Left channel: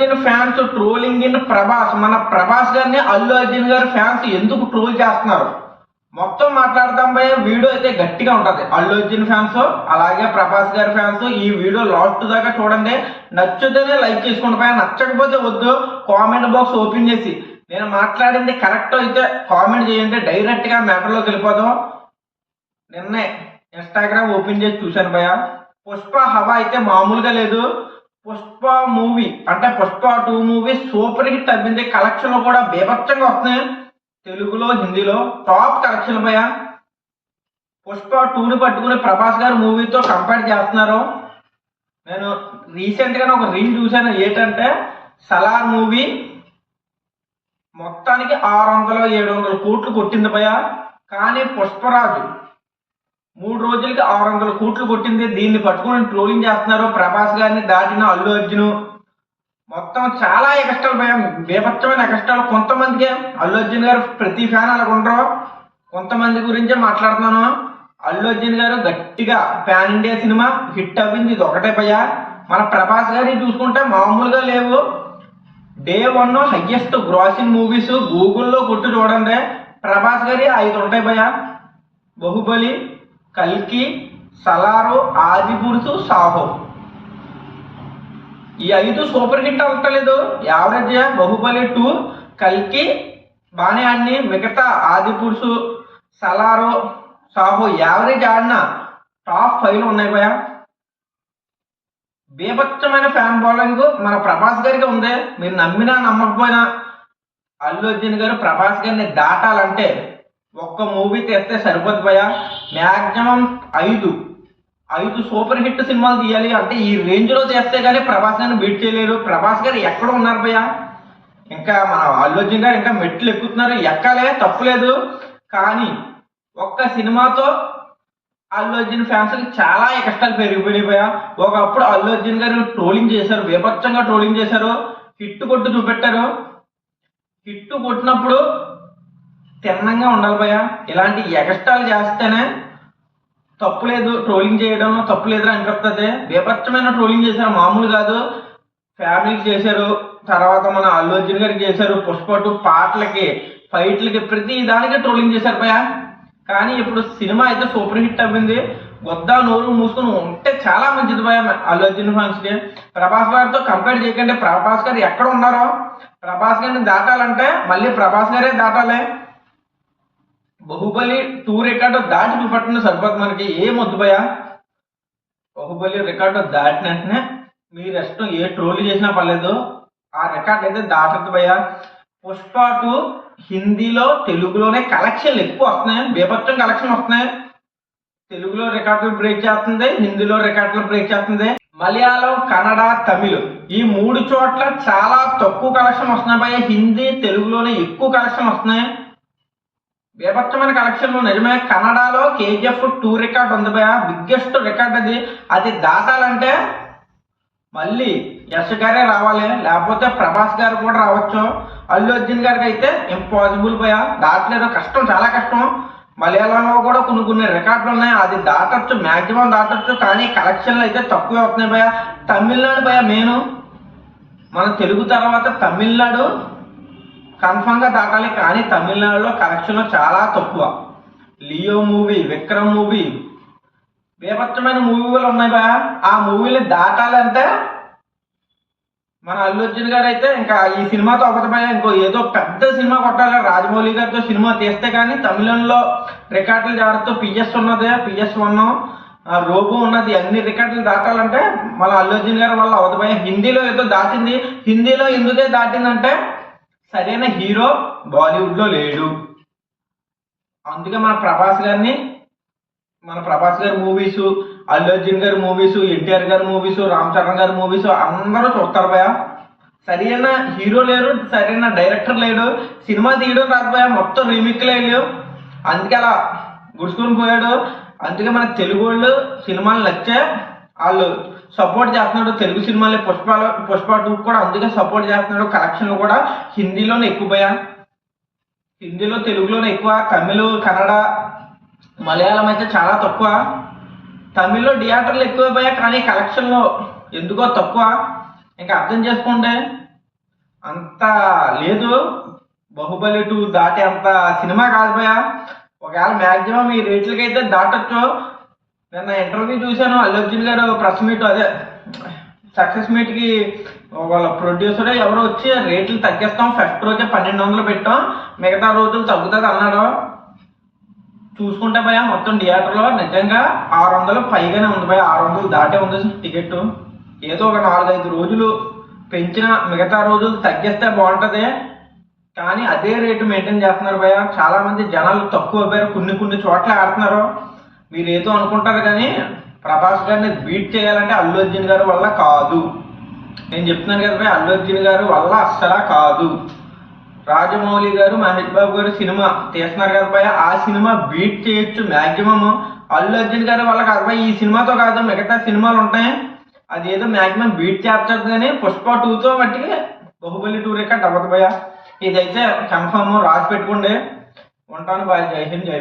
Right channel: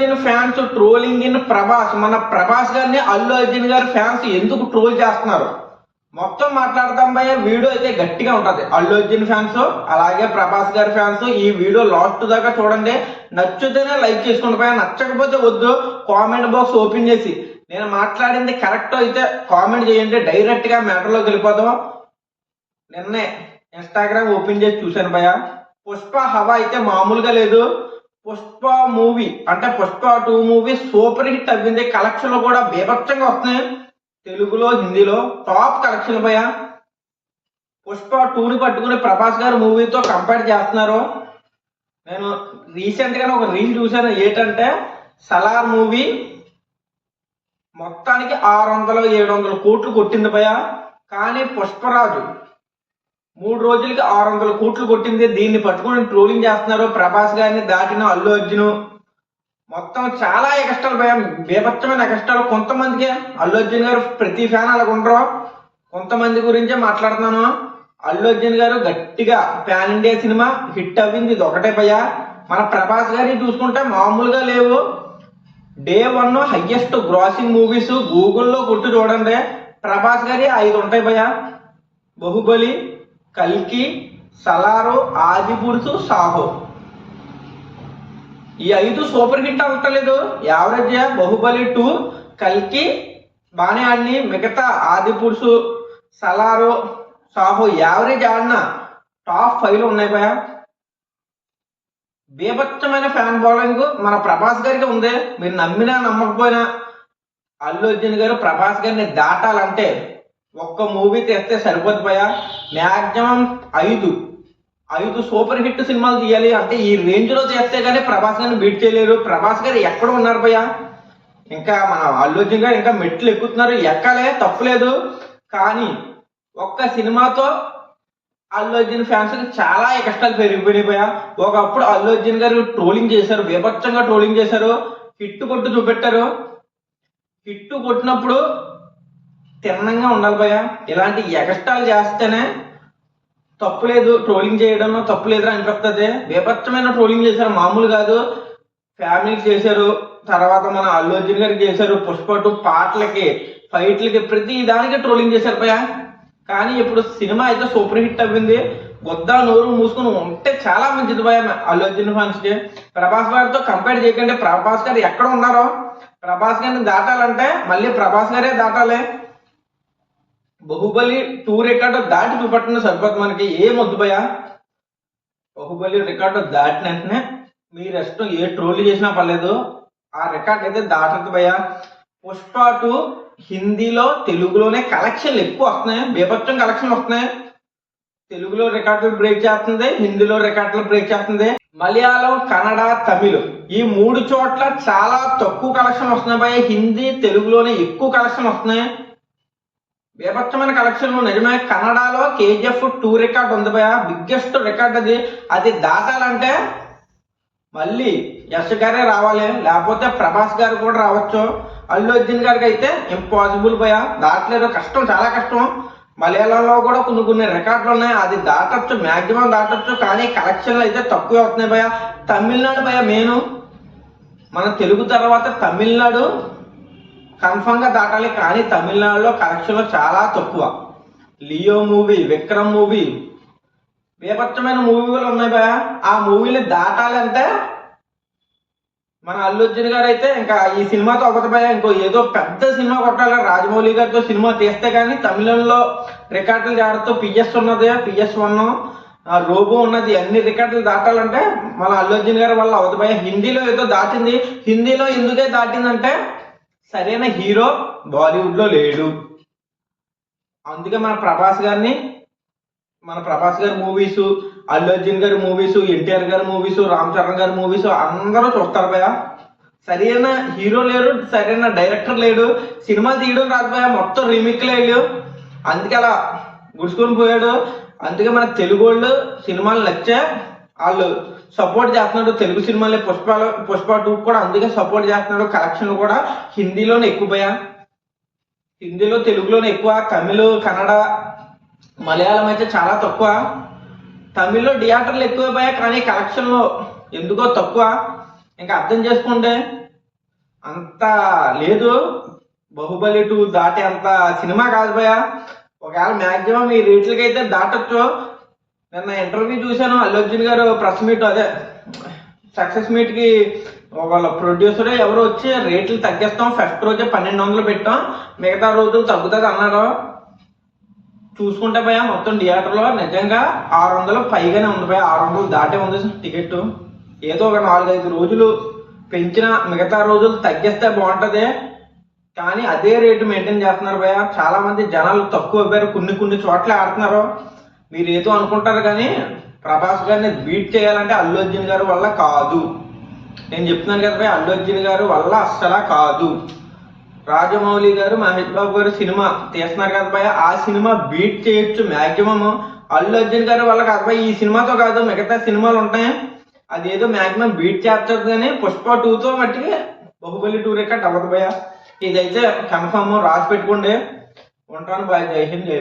Arjun fans trolling in Prabhas. మన ప్రభాస్ గారిని అల్లు అర్జున్ గారి ఫ్యాన్స్ ఎందుకు ట్రోల్ చేస్తున్నారు మొత్తం మాట్లాడతాం భయ. వీడియో అయితే గట్టిగా ఉంటది. అల్లు అర్జున్ ఫ్యాన్స్ అలాగే ప్రభాస్ గారి ఫ్యాన్స్ ఈ వీడియో లాస్ట్ దాకా చూడండి. నచ్చితేనే లైక్ చేసుకోండి భయ, నచ్చకపోతే వద్దు. కామెంట్ బాక్స్ ఓపెన్ చేసి నేను మాట్లాడింది కరెక్ట్ అయితే కామెంట్ చేయండి. డైరెక్ట్ గా మ్యాటర్లోకి వెళ్ళిపోదాం. నిన్నే ఇన్స్టాగ్రామ్ ఓపెన్ చేసి చూశాను భయ. పుష్ప హవా అయితే మామూలుగా లేదు. పుష్ప మూవీ అంటే పుష్ప 2 మూవీ సూపర్ హిట్ అవ్వింది. కలెక్షన్లు కూడా బీభత్సంగా వస్తున్నాయి. తెలుగులో హిందీలో టాప్ కలెక్షన్ భయ. పుష్ప 2ని పట్టుకుని ప్రభాస్ గారు మూవీతో కంపేర్ చేస్తున్నారు. నేను రీసెంట్ గా ఒక రీల్ చూశాను. ఏంటంటే సలార్ మూవీ మొత్తానికి 600-700 కోట్లు కొట్టింది భయ. కానీ పుష్పరాజు 3 రోజులకి 600 కోట్లు కొట్టింది. దీన్ని పట్టుకుని ట్రోలింగ్ చేస్తున్నారు. ప్రభాస్ గారిని దాటిన అల్లు అర్జున్ మొత్తం చాలా ఎక్స్ట్రాలు భయ, బీభత్సమైన ఎక్స్ట్రాలు. కొంతమందికి అల్లు అర్జున్ గారు ప్రతి ఫ్యాన్ అలా ఉండరు. కొంతమంది గురించే మాట్లాడుతున్నాను. అల్లు అర్జున్ గారు గట్టిగా పాన్ ఇండియా సినిమా హిట్ అవ్వింది, ఇది ఒకటే భయ. మన ప్రభాస్ గారి చూసుకుంటే మామూలుగా లేవు. డే 1 హైయెస్ట్ గ్రాసింగ్ మూవీస్ గూగుల్లో కొట్టు చూడండి. ప్రభాస్ గారి 5 ఉంటాయి భయ. బాహుబలి, కల్కి, సలారు, ఆదిపురుషు, సాహో. ఈ 5 సూపర్ హిట్ అవ్వట్లేదు. యావరేజ్. బాహుబలి 2, కల్కి బాగానే ఆడిని. మిగతా ఆదిపురుషు, సలారు, సాహో యావరేజ్ ఆడిన టాప్ 5లో ఉన్నాయి భయ. బీభత్సమైన ఫ్యాన్ ఫాలోయింగ్ మన ప్రభాస్ గారికి ఉంది. మీరు నమ్మినా నమ్మకపోయినా అల్లు అర్జున్ గారు ప్రభాస్ గారిని దాటాలంటే ఒక్క మూవీ తీస్తే సరిపోదు భయ. మ్యాక్సిమం 5 సూపర్ హిట్ సినిమాలు తీయాలి. అంటే ఈ రేంజ్ లో చేస్తే కానీ ప్రభాస్ గారిని బీట్ చేయలేరు. ప్రభాస్ గారు ఎక్కడ ఉన్నారు భయ? ఇంకా మన అల్లు అర్జున్ గారు ఇంకా మెట్లు ఎక్కుతున్నారు. ఎక్కలే, తప్పులేదు. కానీ ఒక్క సినిమాతో అల్లు అర్జున్ ఫ్యాన్స్ కి చాలా కష్టాలు పెరిగిపోయినాయి భయ. ఒకప్పుడు అల్లు అర్జున్ గారు ట్రోలింగ్ చేశారు, బీభత్సంగా ట్రోలింగ్ చేశారు. హిట్ కొట్టు చూపెట్టారు. హిట్ కొట్టినప్పుడు తిన్నంగా ఉండాలి భయ. ఇలాంటి ఎగస్టాలు చేస్తేనే తప్పులేదు. ట్రోలింగ్ చేయడం తప్పులేదు అనిపిస్తుంది. బీభత్సమైన ట్రోలింగ్ చేశారు, మామూలు కాదు. ఫ్యామిలీకి చేశారు, తర్వాత మన అల్లు అర్జున్ గారికి చేశారు. పుష్ప 2 పాటలకి, ఫైట్లకి, ప్రతి దానికి ట్రోలింగ్ చేశారు భయ. కానీ ఇప్పుడు సినిమా అయితే సూపర్ హిట్ అవ్వింది. వద్దా నోరు మూసుకుని ఉంటే చాలా మంచిది భయ అల్లు అర్జున్ ఫ్యాన్స్ కి. ప్రభాస్ గారితో కంపేర్ చేయకండి. ప్రభాస్ గారు ఎక్కడ ఉన్నారో ప్రభాస్ గారిని దాటాలంటే మళ్ళీ ప్రభాస్ గారే దాటాలి. బాహుబలి 2 రికార్డు దాటి చూపట్టండి సరిపోతుంది మనకి. ఏం వద్దు భయ. బాహుబలి రికార్డు దాటిన వెంటనే మీరు ఇష్టం ఏ ట్రోల్ చేసినా పర్లేదు, ఆ రికార్డ్ అయితే దాటదు భయ. పుష్ప 2 హిందీలో తెలుగులోనే కలెక్షన్లు ఎక్కువ వస్తున్నాయి. బీభత్సం కలెక్షన్ వస్తున్నాయి. తెలుగులో రికార్డులు బ్రేక్ చేస్తుంది, హిందీలో రికార్డులు బ్రేక్ చేస్తుంది. మలయాళం, కన్నడ, తమిళ్ ఈ 3 చోట్ల చాలా తక్కువ కలెక్షన్ వస్తున్నాయి భయ. హిందీ, తెలుగులోనే ఎక్కువ కలెక్షన్ వస్తున్నాయి. బీభత్సమైన కలెక్షన్లు నిజమే. కన్నడలో KGF 2 రికార్డ్ ఉంది భయ, బిగ్గెస్ట్ రికార్డ్ అది. అది దాటాలంటే మళ్ళీ యశ్ గారే రావాలి, లేకపోతే ప్రభాస్ గారు కూడా రావచ్చు. అల్లు అర్జున్ గారికి అయితే ఇంపాసిబుల్ భయ, దాటలేదు. కష్టం, చాలా కష్టం. మలయాళంలో కూడా కొన్ని రికార్డులు ఉన్నాయి, అది దాటొచ్చు, మ్యాక్సిమం దాటొచ్చు. కానీ కలెక్షన్లు అయితే తక్కువే అవుతున్నాయి భయ. తమిళనాడు భయ మెయిన్. మన తెలుగు తర్వాత తమిళనాడు కన్ఫర్మ్ గా దాటాలి. కానీ తమిళనాడులో కలెక్షన్లు చాలా తక్కువ. లియో మూవీ, విక్రమ్ మూవీ, బీభత్సమైన మూవీలు ఉన్నాయి భయ. ఆ మూవీని దాటాలంటే మన అల్లు అర్జున్ గారు అయితే ఇంకా ఈ సినిమాతో ఒకటి భయ. ఇంకో ఏదో పెద్ద సినిమా కొట్టాలి. రాజమౌళి గారితో సినిమా తీస్తే కానీ తమిళంలో రికార్డులు జాడుతూ PS ఉన్నది, PS1 రోబో ఉన్నది, అన్ని రికార్డులు దాటాలంటే మన అల్లు అర్జున్ గారి వల్ల అవదు భయ. హిందీలో ఏదో దాటింది. హిందీలో ఎందుకే దాటిందంటే సరైన హీరో బాలీవుడ్ లో లేడు. అందుకే మన ప్రభాస్ గారి మూవీస్, అల్లు అర్జున్ గారి మూవీస్, NTR గారి మూవీస్, రామ్ చరణ్ గారి మూవీస్ అందరూ చూస్తారు భయ. సరైన హీరో లేడు, సరైన డైరెక్టర్ లేడు, సినిమా తీయడం రాదు భయ. మొత్తం రీమేక్లు లేడు. అందుకే అలా గుడుచుకొని పోయాడు. అందుకే మన తెలుగు వాళ్ళు సినిమాలు నచ్చే వాళ్ళు సపోర్ట్ చేస్తున్నాడు. తెలుగు సినిమాలే పుష్ప 2 కూడా అందుకే సపోర్ట్ చేస్తున్నాడు. కలెక్షన్లు కూడా హిందీలోనే ఎక్కువ భయ. హిందీలో, తెలుగులోనే ఎక్కువ. తమిళ్, కన్నడ, మలయాళం అయితే చాలా తక్కువ. తమిళ్లో థియేటర్లు ఎక్కువ భయ, కానీ కలెక్షన్లో ఎందుకో తక్కువ. ఇంకా అర్థం చేసుకుంటే అంత లేదు. బాహుబలి 2 దాటే అంత సినిమా కాదు భయ. ఒకవేళ మ్యాక్సిమం ఈ రేట్లకైతే దాటొచ్చు. నిన్న ఇంటర్వ్యూ చూశాను, అల్లు అర్జున్ గారు ప్రెస్ మీట్, అదే సక్సెస్ మీట్కి వాళ్ళ ప్రొడ్యూసరే ఎవరో వచ్చి రేట్లు తగ్గిస్తాం, ఫస్ట్ రోజే 1200 పెట్టాం, మిగతా రోజులు తగ్గుతుంది అన్నాడు. చూసుకుంటే భయ మొత్తం థియేటర్లో నిజంగా 600 పైగానే ఉంది భయ, 600 దాటే ఉంది టికెట్. ఏదో ఒక 4-5 రోజులు పెంచిన మిగతా రోజులు తగ్గిస్తే బాగుంటుంది. కానీ అదే రేటు మెయింటైన్ చేస్తున్నారు భయ. చాలా మంది జనాలు తక్కువ అవ్వారు, కొన్ని చోట్ల ఆడుతున్నారు. మీరు ఏదో అనుకుంటారు కానీ ప్రభాస్ గారిని బీట్ చేయాలంటే అల్లు అర్జున్ గారి వల్ల కాదు. నేను చెప్తున్నాను కదా భయ, అల్లు అర్జున్ గారు వల్ల అస్సలా కాదు. రాజమౌళి గారు, మహేష్ బాబు గారు సినిమా తీస్తున్నారు కదా భయ, ఆ సినిమా బీట్ చేయొచ్చు మ్యాక్సిమం. అల్లు అర్జున్ గారి వల్ల కాదు భయ, ఈ సినిమాతో కాదు మిగతా సినిమాలు ఉంటాయి, అదేదో మ్యాక్సిమం బీట్ చేస్తుంది. కానీ పుష్ప 2తో మట్టికి బాహుబలి 2 రికార్డ్ అవ్వదు భయ. ఇదైతే కన్ఫర్మ్, రాసి పెట్టుకోండి. ఉంటాను బాయ్. జై హింద్, జై